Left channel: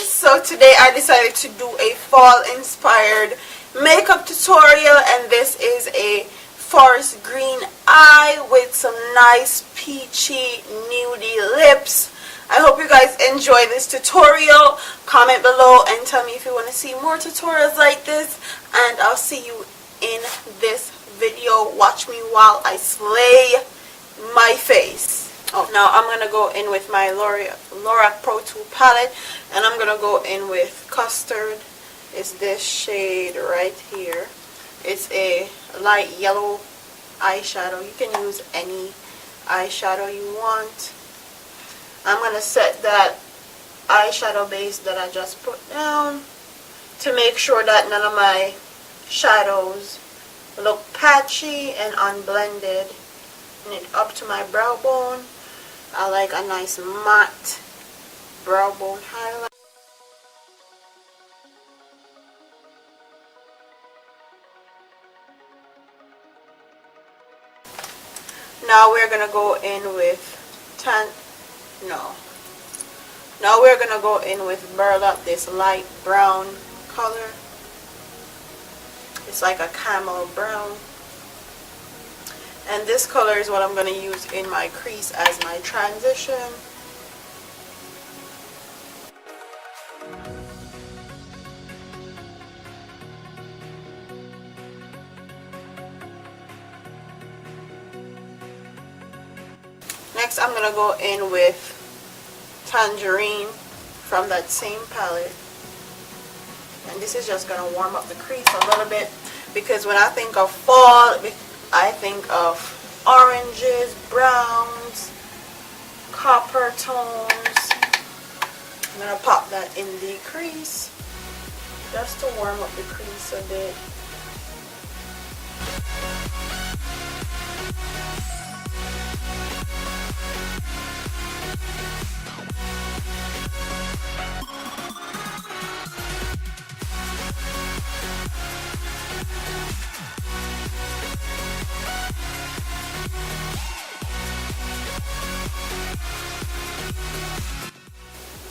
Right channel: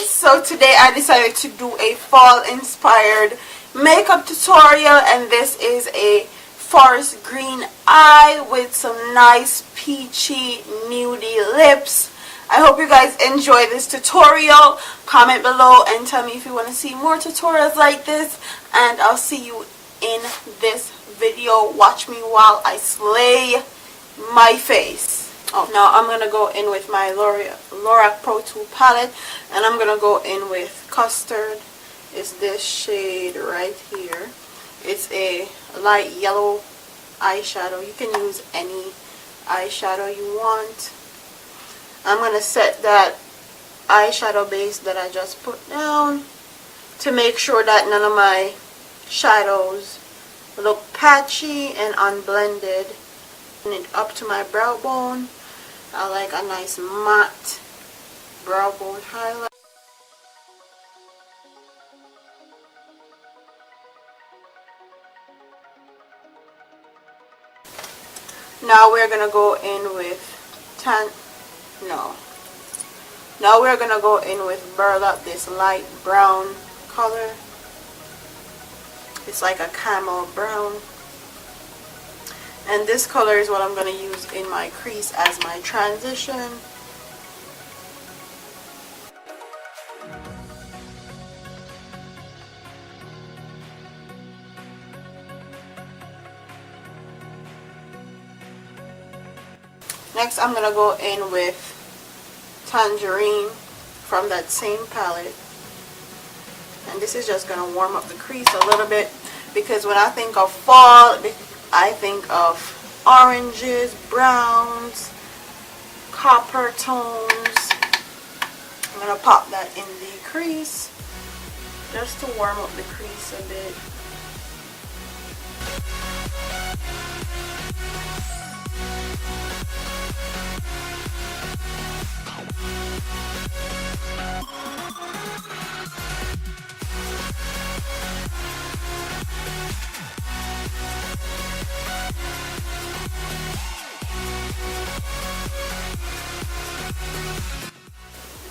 guys, so today I decided to do a fall inspired makeup tutorial, and this is a forest green eye with some nice peachy nudie lips. I hope you guys enjoy this tutorial. Comment below and tell me if you want to see more tutorials like this, and I'll see you in this video. Watch me while I slay my face. Oh, now I'm going to go in with my Lorac Pro 2 palette, and I'm going to go in with Custard. It's this shade right here. It's a light yellow eyeshadow. You can use any eyeshadow you want. I'm going to set that eyeshadow base that I just put down to make sure that none of my shadows look patchy and unblended. And it up to my brow bone. I like a nice matte brow bone highlight. Now we're gonna go in with Now we're gonna go in with burlap, this light brown color. It's like a camel brown. And this color is what I'm going to use in my crease as my transition. Next, I'm going to go in with Tangerine from that same palette. And this is just going to warm up the crease a little bit, because when I think of fall, I think of oranges, browns, copper tones. I'm going to pop that in the crease just to warm up the crease a bit.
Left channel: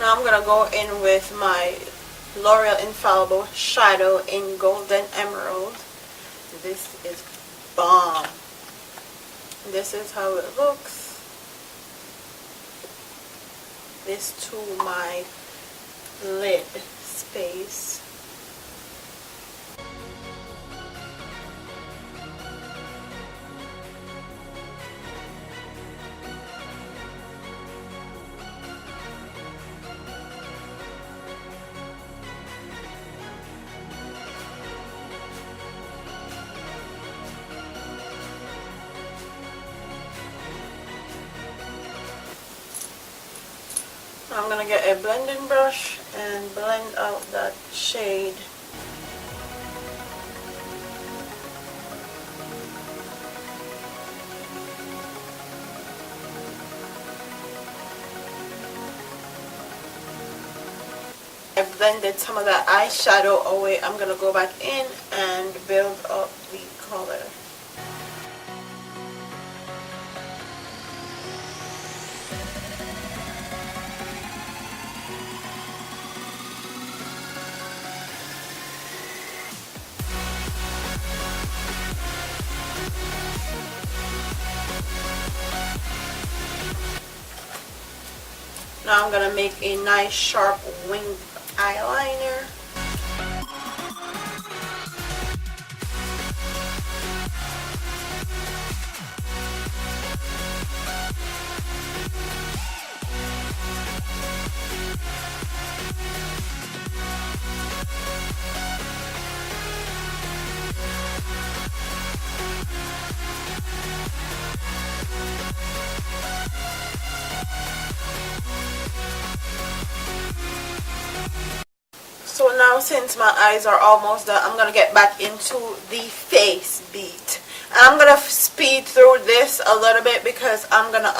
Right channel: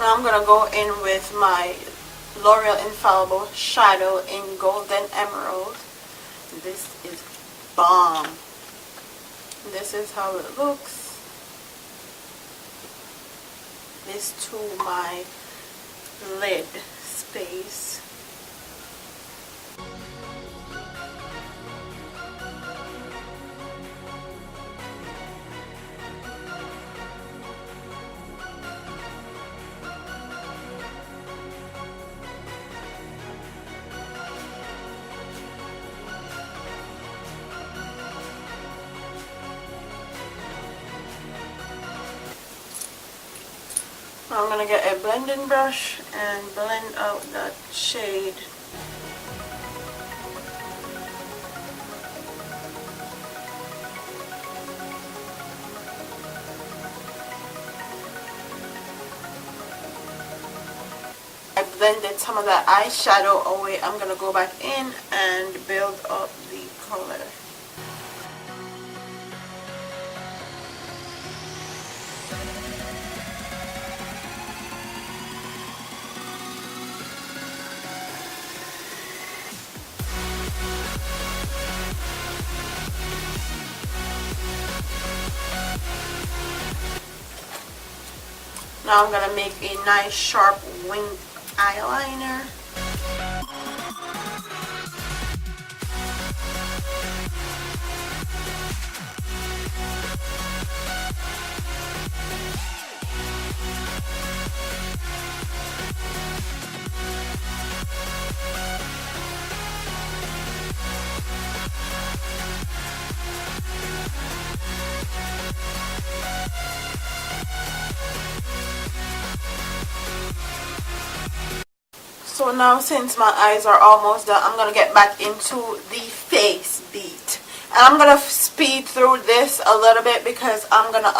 Now I'm going to go in with my L'Oreal Infallible Shadow in Golden Emerald. This is bomb. This is how it looks. This to my lid space. I'm going to get a blending brush and blend out that shade. I blended some of that eyeshadow away. I'm going to go back in and build up the color. Now I'm going to make a nice sharp wing eyeliner. So now, since my eyes are almost done, I'm going to get back into the face beat. And I'm going to speed through this a little bit because I'm going to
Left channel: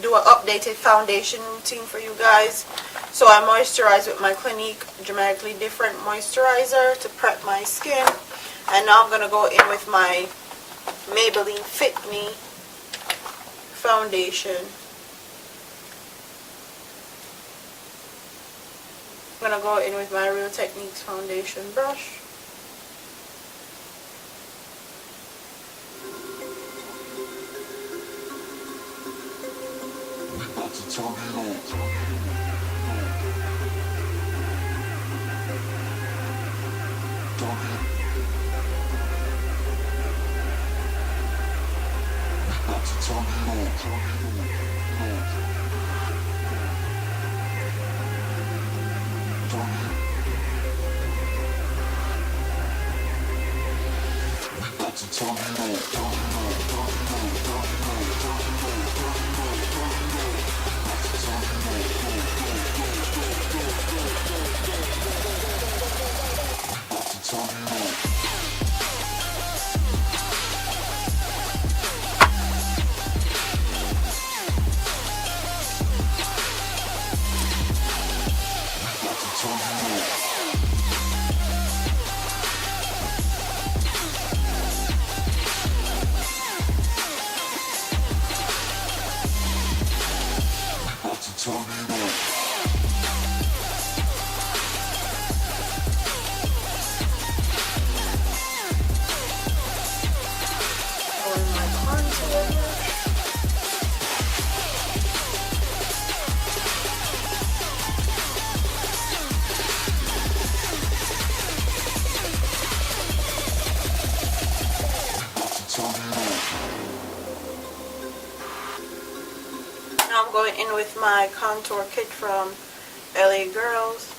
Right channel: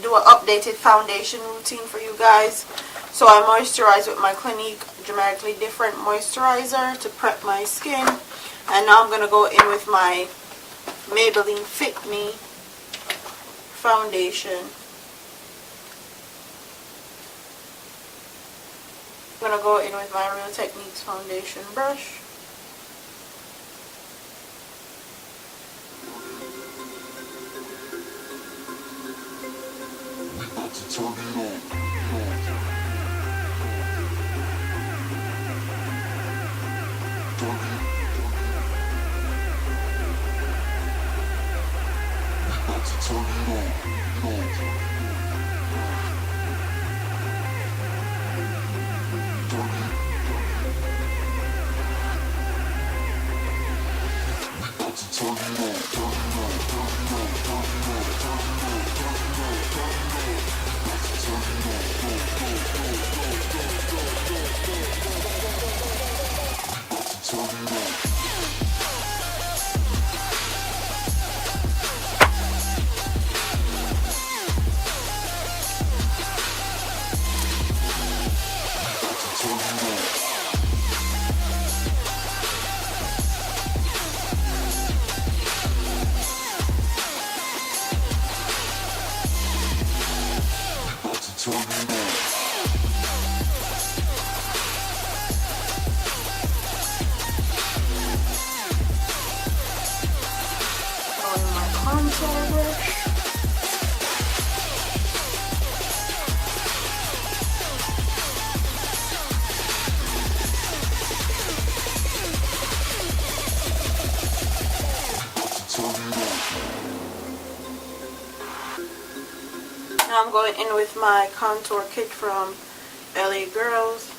do an updated foundation routine for you guys. So I moisturize with my Clinique Dramatically Different Moisturizer to prep my skin. And now I'm going to go in with my Maybelline Fit Me foundation. I'm gonna go in with my Real Techniques foundation brush. Now I'm going in with my contour kit from LA Girls.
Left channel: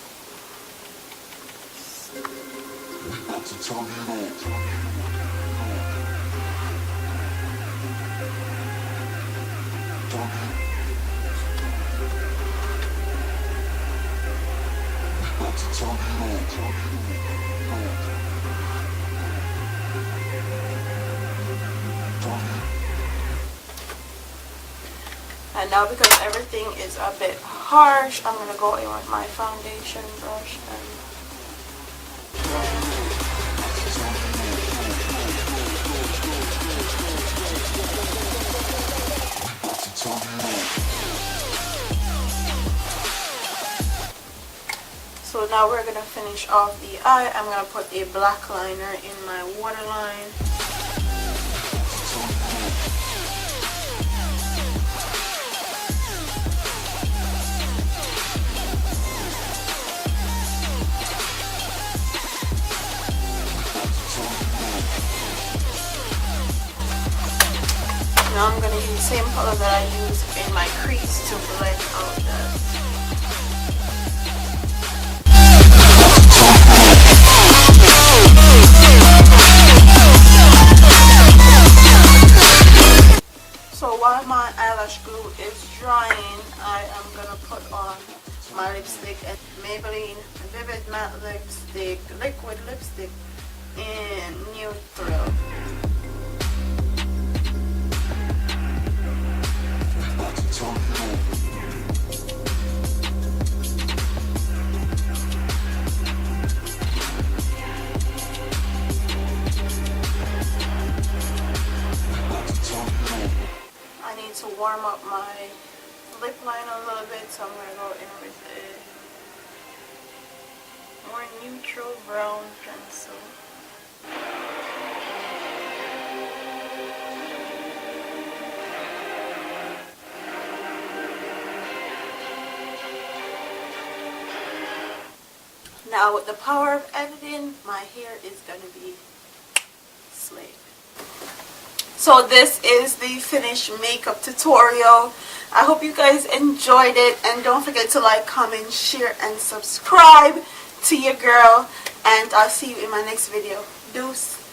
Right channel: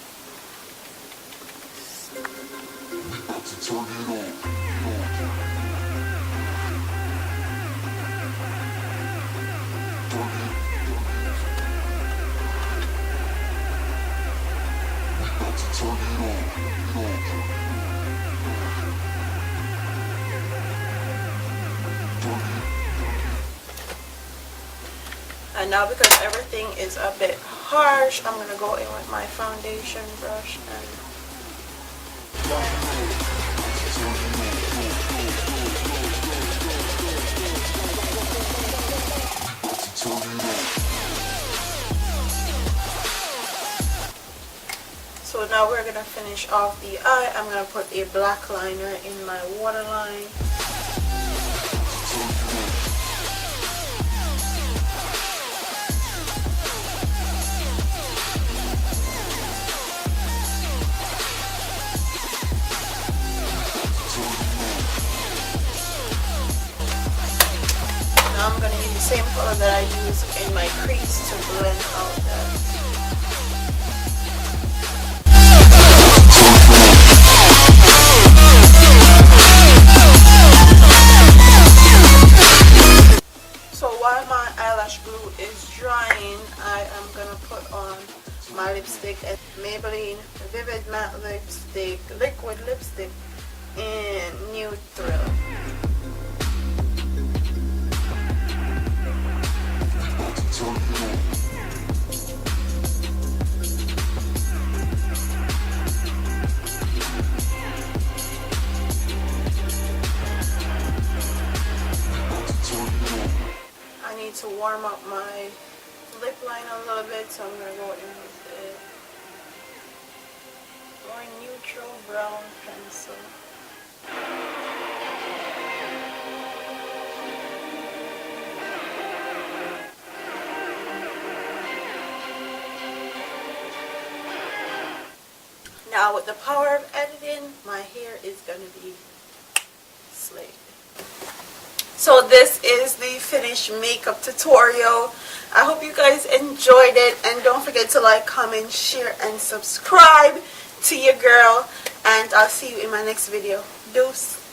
And now because everything is a bit harsh, I'm going to go in with my foundation brush and so now we're going to finish off the eye. I'm going to put a black liner in my waterline. Now I'm going to use the same color that I use in my crease to blend out that. So while my eyelash glue is drying, I am going to put on my lipstick at Maybelline Vivide Matte Lipstick, Liquid Lipstick in Nude Thrill. I need to warm up my lip line a little bit, so I'm going to go in with a more neutral brown pencil. Now with the power of editing, my hair is going to be slayed. So this is the finished makeup tutorial. I hope you guys enjoyed it, and don't forget to like, comment, share, and subscribe to your girl, and I'll see you in my next video. Deuce.